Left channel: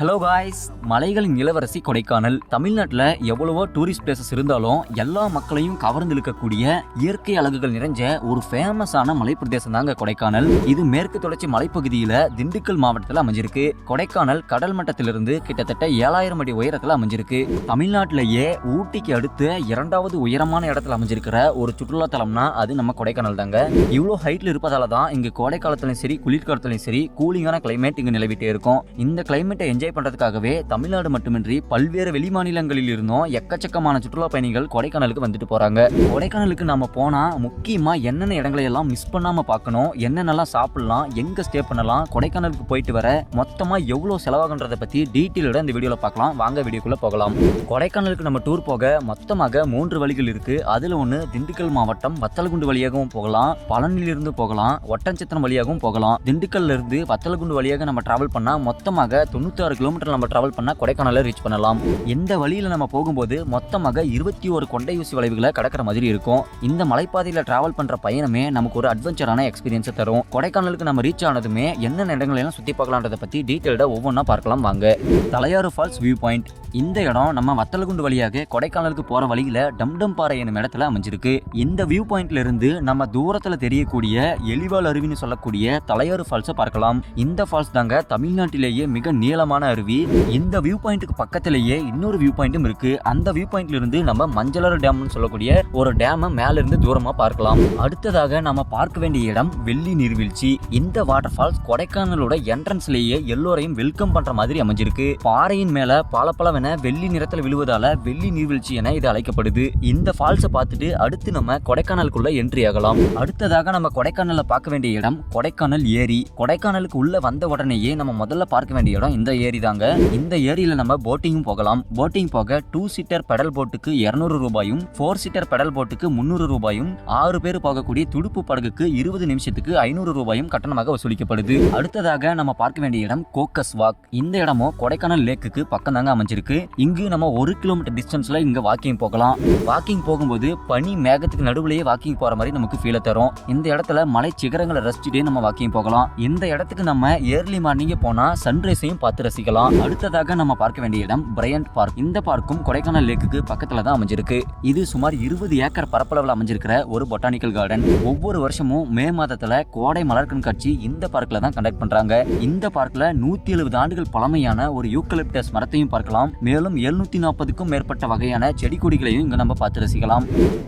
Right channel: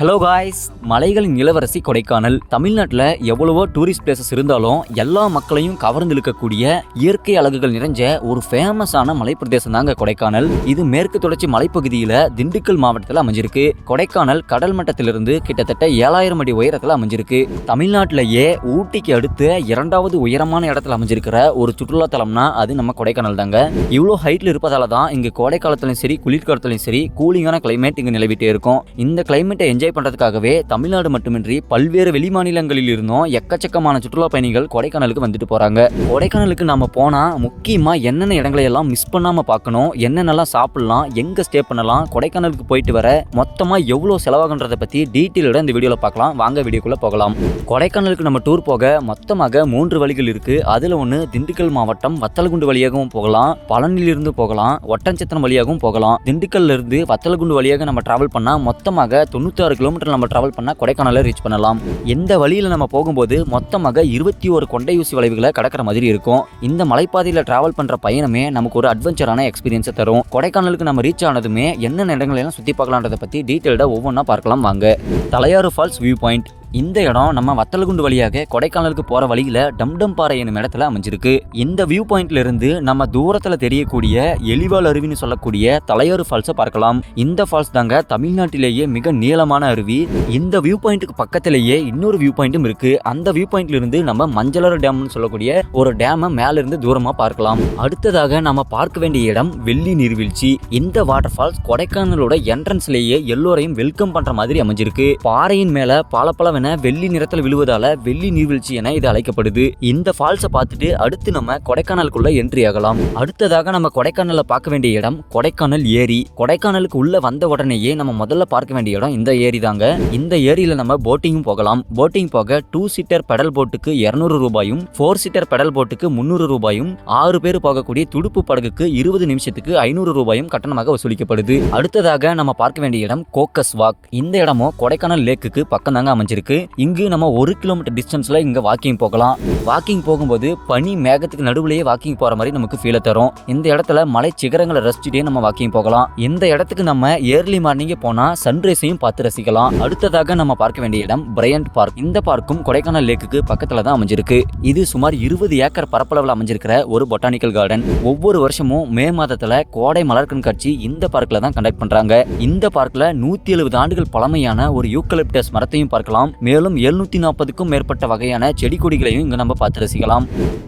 Hello guys, மலைகளின் இளவரசி கொடைக்கானல். தமிழ்நாட்டில் எவ்வளவோ டூரிஸ்ட் பிளேசஸ் இருந்தாலும் எல்லா மக்களையும் கவர்ந்து இழுக்கக்கூடிய இயற்கை அழகுகள் நிறைஞ்ச ஒரு ஃபேமஸான மலைப்பிரதேசம் தாங்க கொடைக்கானல். இது மேற்கு தொடர்ச்சி மலைப்பகுதியில் திண்டுக்கல் மாவட்டத்தில் அமைஞ்சிருக்கு. கொடைக்கானல் கடல் மட்டத்திலிருந்து கிட்டத்தட்ட 7000 அடி உயரத்தில் அமைஞ்சிருக்கு. தமிழ்நாட்டிலேயே ஊட்டிக்கு அடுத்து 2வது உயரமான இடத்துல அமைஞ்சிருக்கிற ஒரு சுற்றுலா தலம்னா அது நம்ம கொடைக்கானல் தாங்க. இவ்வளோ ஹைட்ல இருப்பதால தான் இங்கு கோடை காலத்திலும் சரி குளிர்காலத்திலும் சரி கூலிங்கான கிளைமேட் இங்கு நிலவிட்டே இருக்கும். இந்த கிளைமேட்டை என்ஜாய் பண்றதுக்காகவே தமிழ்நாடு மட்டுமின்றி பல்வேறு வெளி மாநிலங்களில் இருந்தும் எக்கச்சக்கமான சுற்றுலா பயணிகள் கொடைக்கானலுக்கு வந்துட்டு போறாங்க. கொடைக்கானலுக்கு நாம போனா முக்கியமா என்னென்ன இடங்களை எல்லாம் மிஸ் பண்ணாம பார்க்கணும், என்னென்னலாம் சாப்பிடலாம், எங்க ஸ்டே பண்ணலாம், கொடைக்கானலுக்கு போயிட்டு வர மொத்தமா எவ்வளவு செலவாகுன்றதை பத்தி டீட்டெயிலோட இந்த வீடியோல பார்க்கலாம். வாங்க வீடியோக்குள்ள போகலாம். கொடைக்கானலுக்கு நம்ம டூர் போக மொத்தமாக 3 வழிகள் இருக்கு. அதுல ஒண்ணு திண்டுக்கல் மாவட்டம் வத்தலகுண்டு வழியாகவும் போகலாம், பழனியிலிருந்து போகலாம், ஒட்டன்சத்திரம் வழியாகவும் போகலாம். திண்டுக்கல்ல இருந்து வத்தலகுண்டு வழியாக நம்ம டிராவல் பண்ணா மொத்தமாக 96 கிலோமீட்டர் நம்ம டிராவல் பண்ணா கொடைக்கானலை ரீச் பண்ணலாம். எந்த வழியில நம்ம போகும்போது மொத்தமாக 21 கொண்டையூசி வளைவுகளை கடக்கிற மாதிரி இருக்கும். இந்த மலைப்பாதையில டிராவல் பண்ற பயணமே நமக்கு ஒரு அட்வென்ச்சரான எக்ஸ்பீரியன்ஸை தரும். கொடைக்கானலுக்கு நம்ம ரீச் ஆனதுமே என்னென்ன இடங்கள் எல்லாம் சுத்தி பார்க்கலான்றதை பத்தி டீட்டெயில்டா ஒவ்வொன்றா பார்க்கலாம் வாங்க. Thalaiyar falls view point. இந்த இடம் நம்ம வத்தலகுண்டு வழியாக கொடைக்கானலுக்கு போற வழியில டம்டம் பாறை என்னும் இடத்துல அமைஞ்சிருக்கு. இந்த வியூ பாயிண்ட்ல இருந்து நம்ம தூரத்துல தெரியக்கூடிய எலிவால் அருவின்னு சொல்லக்கூடிய தலையாறு ஃபால்ஸை பார்க்கலாம். இந்த ஃபால்ஸ் தாங்க தமிழ்நாட்டிலேயே மிக நீளமான அருவி. இந்த வியூ பாயிண்ட்டுக்கு பக்கத்திலேயே இன்னொரு வியூ பாயிண்ட்டும் இருக்கு. அந்த வியூ பாயிண்ட்ல இருந்து நம்ம மஞ்சளாறு டேம்னு சொல்லக்கூடிய ஒரு டேமை மேல இருந்து தூரமா பார்க்கலாம். அடுத்ததாக நம்ம பார்க்க வேண்டிய இடம் வெள்ளி நீர்வீழ்ச்சி. இந்த வாட்டர் ஃபால்ஸ் கொடைக்கானலோட என்ட்ரன்ஸ்லேயே எல்லோரையும் வெல்கம் பண்ற மாதிரி அமைஞ்சிருக்கு. பாறையின் மேல பல வெள்ளி நிறத்தில் விழுவதால வெள்ளி நீர்வீழ்ச்சி என இது அழைக்கப்படுது. இந்த ஃபால்ஸை பார்த்துட்டு அடுத்து நம்ம கொடைக்கானலுக்குள்ள என்ட்ரி ஆகலாம். அடுத்ததாக நம்ம கொடைக்கானல்ல பார்க்க வேண்டிய இடம் கொடைக்கானல் ஏரி. கொடைக்கானலுக்கு உள்ள வந்த உடனேயே நம்ம முதல்ல பார்க்க வேண்டிய இடம் இந்த ஏரி தாங்க. இந்த ஏரியில நம்ம போட்டிங்கும் போகலாம். போட்டிங் போக 2 சீட்டர் பெடல் போட்டுக்கு 200 ரூபாயும், 4 சீட்டர் பெடல் போட்டுக்கு 300 ரூபாயும், 6 பேர் போகக்கூடிய துடுப்பு படகுக்கு 20 நிமிஷத்துக்கு 500 ரூபாயும் கட்டணமாக வசூலிக்கப்படுது. அடுத்ததாக நம்ம பார்க்க வேண்டிய இடம் கோக்கஸ் வாக். இந்த இடமும் கொடைக்கானல் லேக்குக்கு பக்கம் தாங்க அமைஞ்சிருக்கு. இங்கு நம்ம 1 கிலோமீட்டர் டிஸ்டன்ஸ்ல இங்க வாக்கிங் போகலாம். வாக்கிங் போகும்போது பனி மேகத்துக்கு நடுவுலயே வாக்கிங் போற மாதிரி நமக்கு ஃபீல் தரும். இந்த இடத்துல மலை சிகரங்களை ரசிச்சுட்டே நம்ம வாக்கிங் போகலாம். இந்த இடத்துக்கு நம்ம ஏர்லி மார்னிங் போனா சன்ரைஸையும் பார்த்து ரசிக்கலாம். அடுத்ததாக நம்ம பார்க்க வேண்டிய இடம் பிரையண்ட் பார்க். இந்த பார்க்கும் கொடைக்கானல் லேக்குக்கு பக்கத்துல தான் அமைஞ்சிருக்கு. இது சுமார் 20 ஏக்கர் பரப்பளவில் அமைஞ்சிருக்கிற ஒரு பொட்டானிக்கல் கார்டன். ஒவ்வொரு வருஷமும் மே மாதத்துல கோடை மலர் கண்காட்சி இந்த பார்க்ல தான் கண்டக்ட் பண்றாங்க. இந்த பார்க்ல 170 ஆண்டுகள் பழமையான ஒரு யூக்கலிப்டஸ் மரத்தையும் பார்க்கலாம். மேலும் 740க்கும் மேற்பட்ட வகையான செடி கொடிகளையும் இங்க நம்ம பார்த்து ரசிக்கலாம்.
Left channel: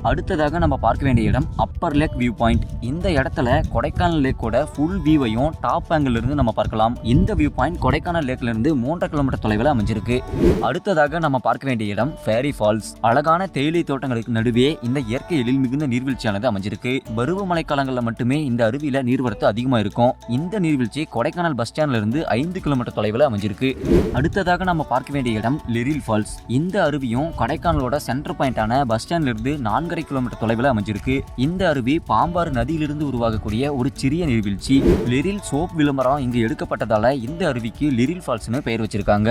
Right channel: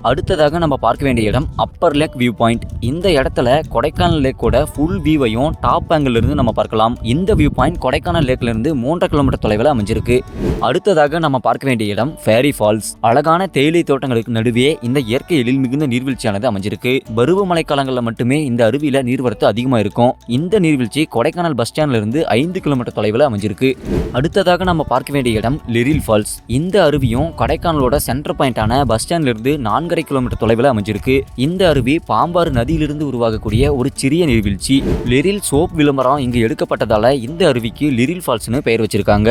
அடுத்ததாக நம்ம பார்க்க வேண்டிய இடம் அப்பர் லேக் வியூ பாயிண்ட். இந்த இடத்துல கொடைக்கானல் லேக்கோட ஃபுல் வியூவையும் டாப் ஆங்கிள் இருந்து நம்ம பார்க்கலாம். இந்த வியூ பாயிண்ட் கொடைக்கானல் லேக்ல இருந்து 3 கிலோமீட்டர் தொலைவில் அமைஞ்சிருக்கு. அடுத்ததாக நம்ம பார்க்க வேண்டிய இடம் ஃபேரி ஃபால்ஸ். அழகான தேயிலை தோட்டங்களுக்கு நடுவே இந்த இயற்கை எழில் மிகுந்த நீர்வீழ்ச்சியானது அமைஞ்சிருக்கு. பருவமழை காலங்களில் மட்டுமே இந்த அருவியில நீர்வரத்து அதிகமா இருக்கும். இந்த நீர்வீழ்ச்சி கொடைக்கானல் பஸ் ஸ்டாண்ட்ல இருந்து 5 கிலோமீட்டர் தொலைவில் அமைஞ்சிருக்கு. அடுத்ததாக நம்ம பார்க்க வேண்டிய இடம் லிரில் ஃபால்ஸ். இந்த அருவியும் கொடைக்கானலோட சென்டர் பாயிண்டான பஸ் ஸ்டாண்ட்ல இருந்து 4.5 கிலோமீட்டர் தொலைவில் அமைஞ்சிருக்கு. இந்த அருவி பாம்பாறு நதியிலிருந்து உருவாகக்கூடிய ஒரு சிறிய நீர்வீழ்ச்சி. லிரில் சோப் விளம்பரம் இங்கு எடுக்கப்பட்டதால இந்த அருவிக்கு லிரில் ஃபால்ஸ்னு பெயர் வச்சிருக்காங்க.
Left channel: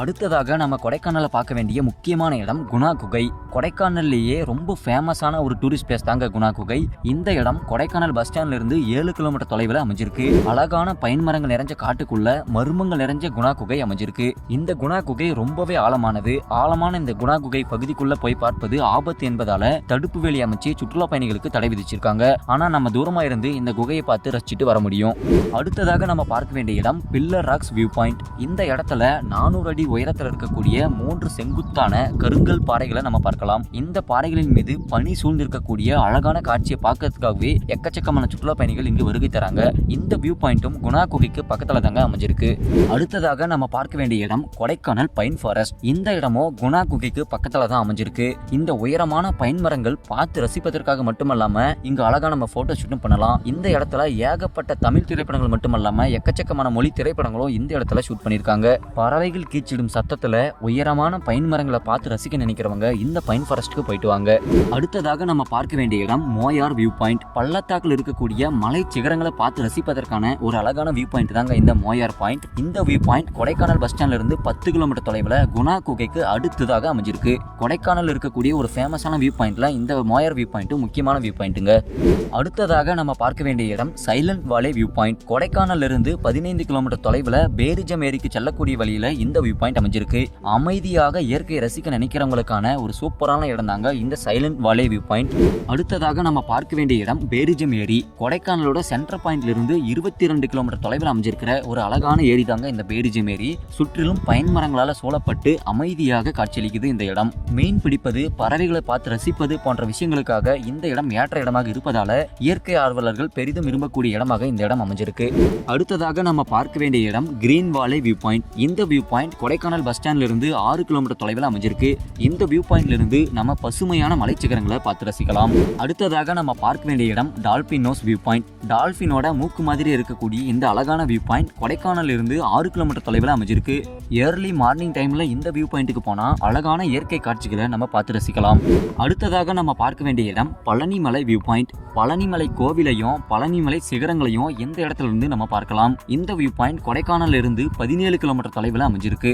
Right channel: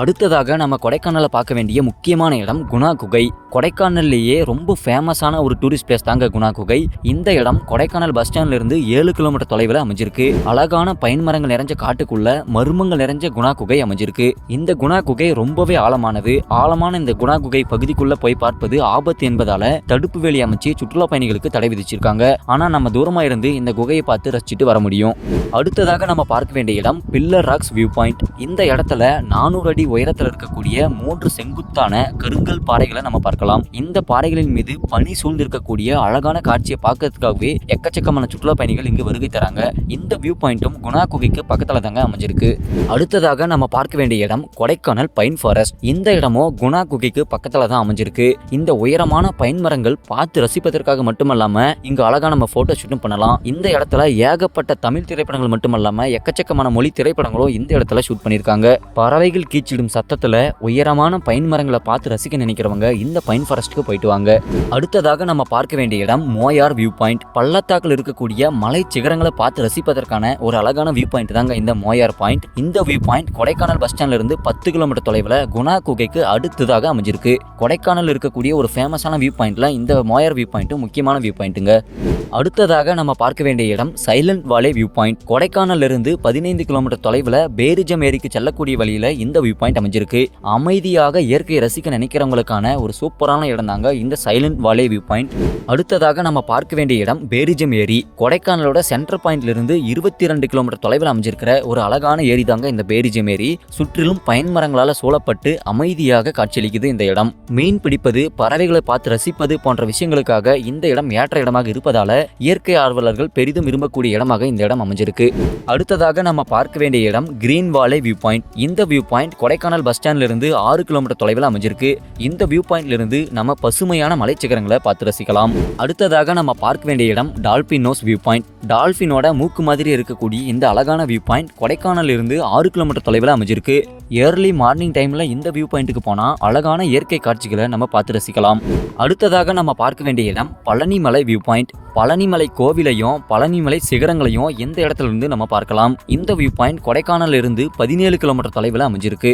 அடுத்ததாக நம்ம கொடைக்கானல பார்க்க வேண்டிய முக்கியமான இடம் குணா குகை. கொடைக்கானல்லேயே ரொம்ப ஃபேமஸான ஒரு டூரிஸ்ட் பிளேஸ் தாங்க குணா குகை. இந்த இடம் கொடைக்கானல் பஸ் ஸ்டாண்ட்ல இருந்து 7 கிலோமீட்டர் தொலைவில் அமைஞ்சிருக்கு. அழகான பைன் மரங்கள் நிறைஞ்ச காட்டுக்குள்ள மர்மங்கள் நிறைஞ்ச குணா குகை அமைஞ்சிருக்கு. இந்த குணா குகை ரொம்பவே ஆழமானது. ஆழமான இந்த குணா குகை பகுதிக்குள்ள போய் பார்ப்பது ஆபத்து என்பதால தடுப்பு வேலி அமைச்சு சுற்றுலா பயணிகளுக்கு தடை விதிச்சிருக்காங்க. ஆனா நம்ம தூரமா இருந்து இந்த குகையை பார்த்து ரசிச்சுட்டு வர முடியும். அடுத்ததாக நம்ம பார்க்க வேண்டிய இடம் பில்லர் ராக்ஸ் வியூ பாயிண்ட். இந்த இடத்துல 400 அடி உயரத்தில் இருக்கக்கூடிய 3 செங்குத்தான கருங்கல் பாறைகளை நம்ம பார்க்கலாம். இந்த பாறைகளின் மீது பனி சூழ்ந்திருக்கக்கூடிய அழகான காட்சியை பார்க்கறதுக்காகவே எக்கச்சக்கமான சுற்றுலா பயணிகள் இங்கு வருகை தராங்க. இந்த வியூ பாயிண்ட்டும் குணா குகைக்கு பக்கத்துல தாங்க அமைஞ்சிருக்கு. அடுத்ததாக நம்ம பார்க்க வேண்டிய இடம் கொடைக்கானல் பைன் ஃபாரஸ்ட். இந்த இடமும் குணா குகைக்கு பக்கத்துல தான் அமைஞ்சிருக்கு. இந்த உயரமான பைன் மரங்கள் பார்த்து ரசிப்பதற்காக மட்டுமல்லாம இங்க அழகா நம்ம போட்டோ ஷூட்டும் பண்ணலாம். இந்த இடத்துல ஏகப்பட்ட தமிழ் திரைப்படங்கள் மட்டுமல்லாம எக்கச்சக்கமான மொழி திரைப்படங்களும் இந்த இடத்துல ஷூட் பண்ணிருக்காங்க. பறவைகள் கீச்சிடும் சத்தத்துல உயரமான பைன் மரங்களை பார்த்து ரசிக்க நினைக்கிறவங்க இந்த பைன் ஃபாரஸ்ட்க்கு போயிட்டு வாங்க. அடுத்ததாக நம்ம பார்க்க வேண்டிய இடம் மோயார் வியூ பாயிண்ட். பள்ளத்தாக்கில் இருக்கக்கூடிய மலை சிகரங்களை பார்த்து ரசிப்பதற்கான ஒரு அழகான வியூ பாயிண்ட் தாங்க இந்த மோயார் பாயிண்ட். இந்த வியூ பாயிண்ட் கொடைக்கானல் பஸ் ஸ்டாண்ட்ல இருந்து 10 கிலோமீட்டர் தொலைவில் அமைஞ்சிருப்பதால குணா குகைக்கு அடுத்ததாக அமைஞ்சிருக்கு. கொடைக்கானல் இருக்கக்கூடிய ஒரு ஃபேமஸான வியூ பாயிண்ட்ல இந்த மோயர் வியூ பாயிண்ட்டும் முக்கியமான வியூ பாயிண்ட்டுங்க. அடுத்ததாக நம்ம பார்க்க வேண்டிய இடம் சைலண்ட் வாலே வியூ பாயிண்ட். கொடைக்கானல்ல இருந்து 15 கிலோமீட்டர் தொலைவில் பேரிஜம் ஏரிக்கு செல்லக்கூடிய வழியில இந்த வியூ பாயிண்ட் அமைஞ்சிருக்கு. அமைதியாக இயற்கையை ரசிக்க நினைக்கிறவங்களுக்கான ஒரு சூப்பரான இடம் தாங்க இந்த சைலண்ட் வாலே வியூ பாயிண்ட். அடுத்ததாக நம்ம பார்க்க வேண்டிய இடம் பேரிஜம் ஏரி. கொடைக்கானலோட சென்டர் பாயிண்ட்ல இருந்து 22 கிலோமீட்டர் தொலைவில் அமைஞ்சிருக்கிற ஒரு அழகான ஏரி தாங்க இந்த பேரிஜம் ஏரி. சுற்றிலும் பைன் மரங்களால சூழப்பட்டு அமைதியாக காட்சியளிக்குது இந்த இடம். மீன் பிடிப்பது, பறவைகளை பார்த்து ரசிப்பது போன்ற விஷயங்களுக்காக இந்த இடம் ஏற்ற இடமாக இருப்பதால இயற்கை ஆர்வலர்கள் பெரிதும் விரும்பக்கூடிய இடமாக இந்த இடம் அமைஞ்சிருக்கு. அடுத்ததாக நம்ம பார்க்க வேண்டிய இடம் கிரீன் வாலே வியூ பாயிண்ட். இந்த வியூ பாயிண்ட் கொடைக்கானல் பஸ் ஸ்டாண்ட்ல இருந்து 6 கிலோமீட்டர் தொலைவில் அமைஞ்சிருக்கு. இந்த வியூ பாயிண்ட்ல இருந்து நம்ம பசுமையான மலைச்சிகரங்களை பார்த்து ரசிக்கலாம். அடுத்ததாக நம்ம பார்க்க வேண்டிய இடம் டால்பின் நோஸ் வியூ பாயிண்ட். டால்பினோட மூக்கு மாதிரி இருக்கக்கூடிய இந்த அழகான வியூ பாயிண்ட் கொடைக்கானல்ல இருந்து 6 கிலோமீட்டர் தொலைவில் அமைஞ்சிருக்கு. ஏர்லி மார்னிங் டைம்ல இந்த வியூ பாயிண்ட்டுக்கு போனா அழகான இயற்கை காட்சிகளை நம்ம பார்த்து ரசிக்கலாம். அடுத்ததாக நம்ம பார்க்க வேண்டிய இடம் பழனிமலை வியூ பாயிண்ட். பழனிமலை கோவிலையும் பழனிமலை சிகரங்களையும் இந்த இடத்துல இருந்து நம்ம பார்க்கலாம். இந்த வியூ பாயிண்ட் கொடைக்கானல்ல இருந்து 17 கிலோமீட்டர் தொலைவில் அமைஞ்சிருக்கு.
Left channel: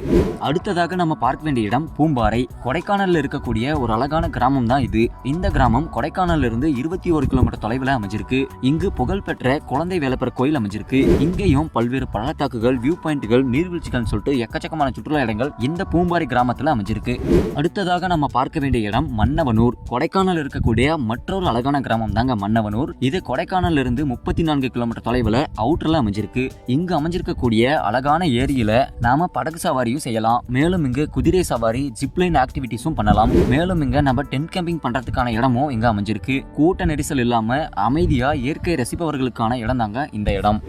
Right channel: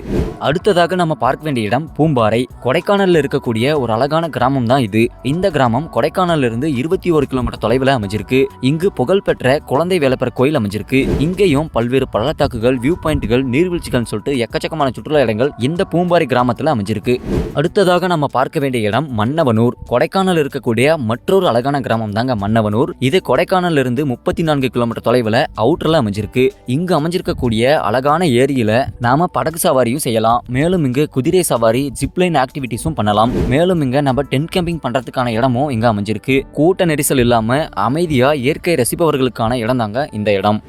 அடுத்ததாக நம்ம பார்க்க வேண்டிய இடம் பூம்பாறை. கொடைக்கானல்ல இருக்கக்கூடிய ஒரு அழகான கிராமம் தான் இது. இந்த கிராமம் கொடைக்கானல்ல இருந்து 21 கிலோமீட்டர் தொலைவில் அமைஞ்சிருக்கு. இங்கு புகழ்பெற்ற குழந்தை வேலப்பர் கோயில் அமைஞ்சிருக்கு. இங்கேயும் பல்வேறு பள்ளத்தாக்குகள், வியூ பாயிண்ட்கள், நீர்வீழ்ச்சிகள் சொல்லிட்டு எக்கச்சக்கமான சுற்றுலா இடங்கள் இந்த பூம்பாறை கிராமத்துல அமைஞ்சிருக்கு. அடுத்ததாக நம்ம பார்க்க வேண்டிய இடம் மன்னவனூர். கொடைக்கானல் இருக்கக்கூடிய மற்றொரு அழகான கிராமம் தாங்க மன்னவனூர். இது கொடைக்கானல்ல இருந்து 34 கிலோமீட்டர் தொலைவில் அவுட்டர்ல அமைஞ்சிருக்கு. இங்கு அமைஞ்சிருக்கக்கூடிய அழகான ஏரியில நாம படகு சவாரியும் செய்யலாம். மேலும் இங்கு குதிரை சவாரி, ஜிப்லைன் ஆக்டிவிட்டிஸும் பண்ணலாம். மேலும் இங்க நம்ம டென்ட் கேம்பிங் பண்றதுக்கான இடமும் இங்க அமைஞ்சிருக்கு. கூட்ட நெரிசல் இல்லாம அமைதியா இயற்கை ரசிப்பவர்களுக்கான இடம் தாங்க இந்த இடம்.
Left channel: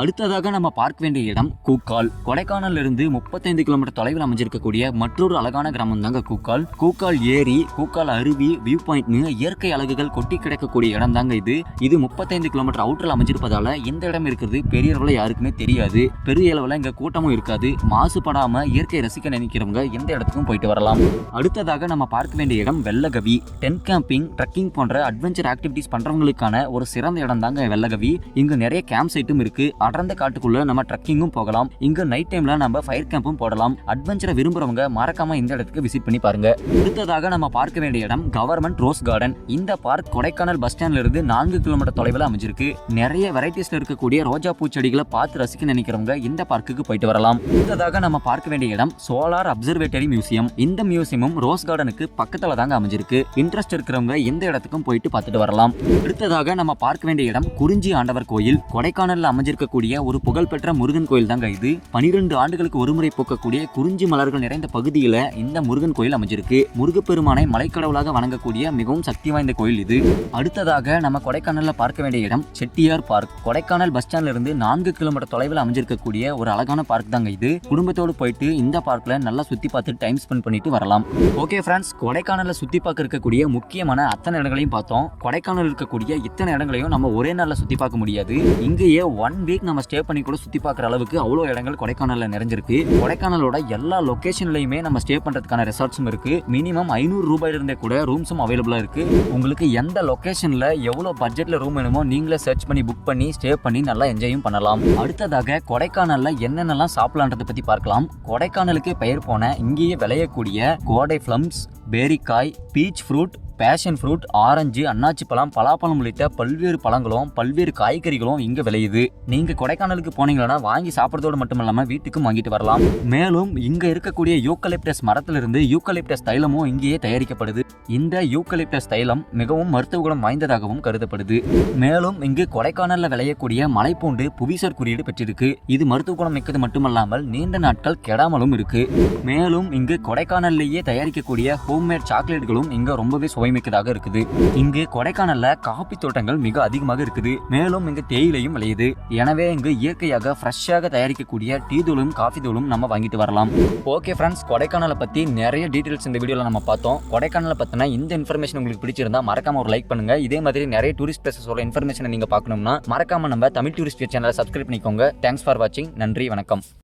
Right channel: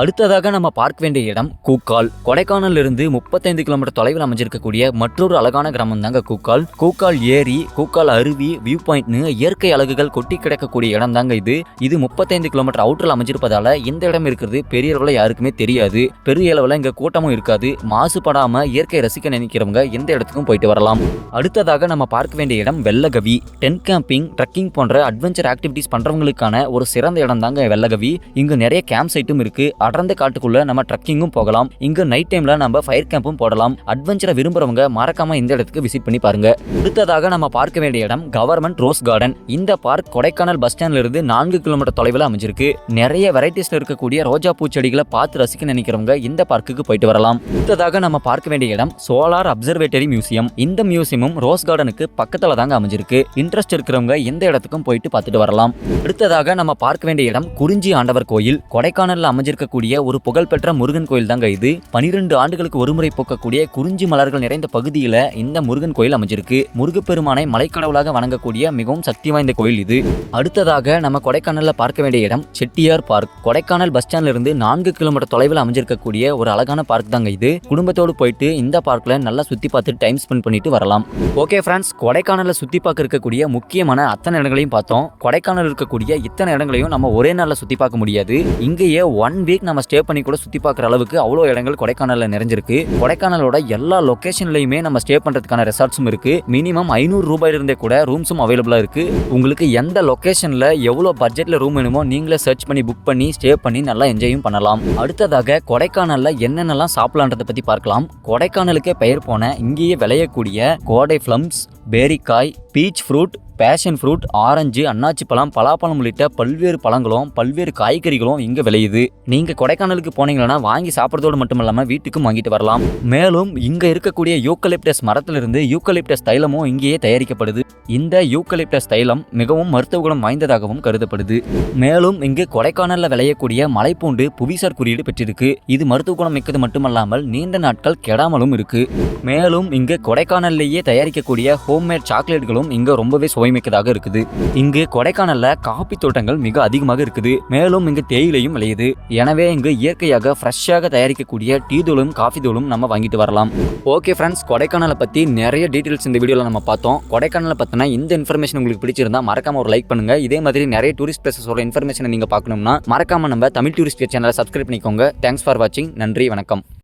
அடுத்ததாக நம்ம பார்க்க வேண்டிய இடம் கூக்கால். கொடைக்கானல்ல இருந்து 35 கிலோமீட்டர் தொலைவில் அமைஞ்சிருக்கக்கூடிய மற்றொரு அழகான கிராமம் தாங்க கூக்கால். கூக்கால் ஏரி, கூக்கால் அருவி, வியூ பாயிண்ட்னு இயற்கை அழகுகள் கொட்டி கிடக்கக்கூடிய இடம் தாங்க இது. இது 35 கிலோமீட்டர் அவுட்டர்ல அமைஞ்சிருப்பதால இந்த இடம் இருக்கிறது பெரிய அளவுல யாருக்குமே தெரியாது. பெரிய அளவுல இங்க கூட்டமும் இருக்காது. மாசுபடாம இயற்கை ரசிக்க நினைக்கிறவங்க எந்த இடத்துக்கும் போயிட்டு வரலாம். அடுத்ததாக நம்ம பார்க்க வேண்டிய இடம் வெள்ளகவி. டென்ட் கேம்பிங், ட்ரெக்கிங் போன்ற அட்வென்ச்சர் ஆக்டிவிட்டிஸ் பண்றவங்களுக்கான ஒரு சிறந்த இடம் தாங்க வெள்ளகவி. இங்க நிறைய கேம்ப் சைட்டும் இருக்கு. அடர்ந்த காட்டுக்குள்ள நம்ம ட்ரெக்கிங்கும் போகலாம். இங்க நைட் டைம்ல நம்ம ஃபயர் கேம்பும் போடலாம். அட்வென்ச்சரை விரும்புறவங்க மறக்காம இந்த இடத்துக்கு விசிட் பண்ணி பாருங்க. அடுத்ததாக நம்ம பார்க்க வேண்டிய இடம் கவர்மெண்ட் ரோஸ் கார்டன். இந்த பார்க் கொடைக்கானல் பஸ் ஸ்டாண்ட்ல இருந்து 4 கிலோமீட்டர் தொலைவில் அமைஞ்சிருக்கு. நிறைய வெரைட்டிஸ்ல இருக்கக்கூடிய ரோஜா பூச்செடிகளை பார்த்து ரசிக்க நினைக்கிறவங்க இந்த பார்க்குக்கு போயிட்டு வரலாம். அடுத்ததாக நம்ம பார்க்க வேண்டிய இடம் சோலார் அப்சர்வேட்டரி மியூசியம். இந்த மியூசியமும் ரோஸ் கார்டனுக்கு பக்கத்துல தாங்க அமைஞ்சிருக்கு. இன்ட்ரெஸ்ட் இருக்கிறவங்க இந்த இடத்துக்கும் போயிட்டு பார்த்துட்டு வரலாம். அடுத்ததாக நம்ம பார்க்க வேண்டிய இடம் குறிஞ்சி ஆண்டவர் கோயில். கொடைக்கானல்ல அமைஞ்சிருக்கக்கூடிய ஒரு புகழ்பெற்ற முருகன் கோயில் தாங்க இது. 12 ஆண்டுகளுக்கு ஒருமுறை போக்கக்கூடிய குறிஞ்சி மலர்கள் நிறைந்த பகுதியில இந்த முருகன் கோயில் அமைஞ்சிருக்கு. முருகப்பெருமானை மலைக்கடவுளாக வணங்கக்கூடிய மிகவும் சக்தி வாய்ந்த கோயில் இது. அடுத்ததாக நம்ம கொடைக்கானல்ல பார்க்க வேண்டிய இடம் செட்டியார் பார்க். கொடைக்கானல் பஸ் ஸ்டாண்ட்ல இருந்து 4 கிலோமீட்டர் தொலைவில் அமைஞ்சிருக்கக்கூடிய ஒரு அழகான பார்க் தாங்க இது. குடும்பத்தோடு போயிட்டு இந்த பார்க்ல நல்லா சுத்தி பார்த்து டைம் ஸ்பெண்ட் பண்ணிட்டு வரலாம். ஓகே ஃப்ரெண்ட்ஸ், கொடைக்கானல்ல சுத்தி பார்க்க இருக்கக்கூடிய முக்கியமான அத்தனை இடங்களையும் பார்த்தோம். கொடைக்கானல் இருக்கக்கூடிய இத்தனை இடங்களையும் நம்ம ஒரே நாள்ல சுத்தி பார்க்க முடியாது. இங்கேயே 1 வீக் நம்ம ஸ்டே பண்ணி கூட சுத்தி பார்க்குற அளவுக்கு அவ்வளோ இடங்கள் கொடைக்கானல்ல நிறைஞ்சிருக்கு. கொடைக்கானலோட எல்லா லொகேஷன்லயுமே நம்ம ஸ்டே பண்றதுக்கான ரெசார்ட்ஸும் இருக்கு. மினிமம் 500 ரூபாயில இருந்தே கூட ரூம்ஸும் அவைலபிளா இருக்கு. உங்களுக்கு எந்த லொகேஷன்ல எவ்வளவு பட்ஜெட்ல ரூம் வேணுமோ நீங்களே சர்ச் பண்ணி புக் பண்ணி ஸ்டே பண்ணி நல்லா என்ஜாயும் பண்ணலாம். அடுத்ததாக கொடைக்கானல்ல என்னென்னலாம் சாப்பிடலான்றதை பத்தி பார்க்கலாம். கொடைக்கானலுக்கே பெயர் போன இங்கேயே விளையக்கூடிய கோடை பிளம்ஸ், பேரிக்காய், peach fruit, passion fruit, orange, அன்னாச்சி பழம், பலாப்பழம் உள்ளிட்ட பல்வேறு பழங்களும் பல்வேறு காய்கறிகளும் இங்க விளையுது. நீங்க கொடைக்கானலுக்கு போனீங்கன்னா வாங்கி சாப்பிட்றதோடு மட்டுமல்லாம வீட்டுக்கும் வாங்கிட்டு வரலாம். மேலும் இங்க இருக்கக்கூடிய யூக்கலிப்டஸ் மரத்திலிருந்து யூக்கலிப்டஸ் தைலமும் இங்கேயே தயாரிக்கப்படுது. இந்த யூக்கலிப்டஸ் தைலம் மிகவும் மருத்துவ குணம் வாய்ந்ததாகவும் கருதப்படுது. மேலும் இங்கு கொடைக்கானல்ல விளையக்கூடிய மலைப்பூண்டு புவிசார் குறியீடு பெற்றிருக்கு. இது மருத்துவ குணம் மிக்கது மட்டுமல்லாமல் நீண்ட நாட்கள் கெடாமலும் இருக்கு. மேலும் இங்கு கொடைக்கானல்லேயே தயாரிக்கக்கூடிய ஹோம்மேட் சாக்லேட்களும் இங்க ரொம்பவே சுவைமிக்கதாக இருக்குது. இங்கு கொடைக்கானல்ல காபி தோட்டங்கள் மிக அதிகமாக இருக்குது. மேலும் இங்கு தேயிலையும் விளையுது. எனவே இங்கு இயற்கையாக ஃப்ரெஷ்ஷாக தயாரிக்கக்கூடிய டீ தூளும் காஃபி தூளும் நம்ம வாங்கிட்டு வரலாம். ஓகே ஃப்ரெண்ட்ஸ், கொடைக்கானலை பத்தி நிறைய டீடைல்ஸ் இந்த வீடியோல நம்ம பார்த்தோம். கொடைக்கானலை பத்தின இந்த இன்ஃபர்மேஷன் உங்களுக்கு பிடிச்சிருந்தா மறக்காம ஒரு லைக் பண்ணுங்க. இதே மாதிரி நிறைய டூரிஸ்ட் பிளேசஸோட இன்ஃபர்மேஷனை நீங்க பார்க்கணும்னா மறக்காம நம்ம தமிழ் டூரிஸ்ட் சேனலை சப்ஸ்கிரைப் பண்ணிக்கோங்க. தேங்க்ஸ் ஃபார் வாட்சிங். நன்றி, வணக்கம்.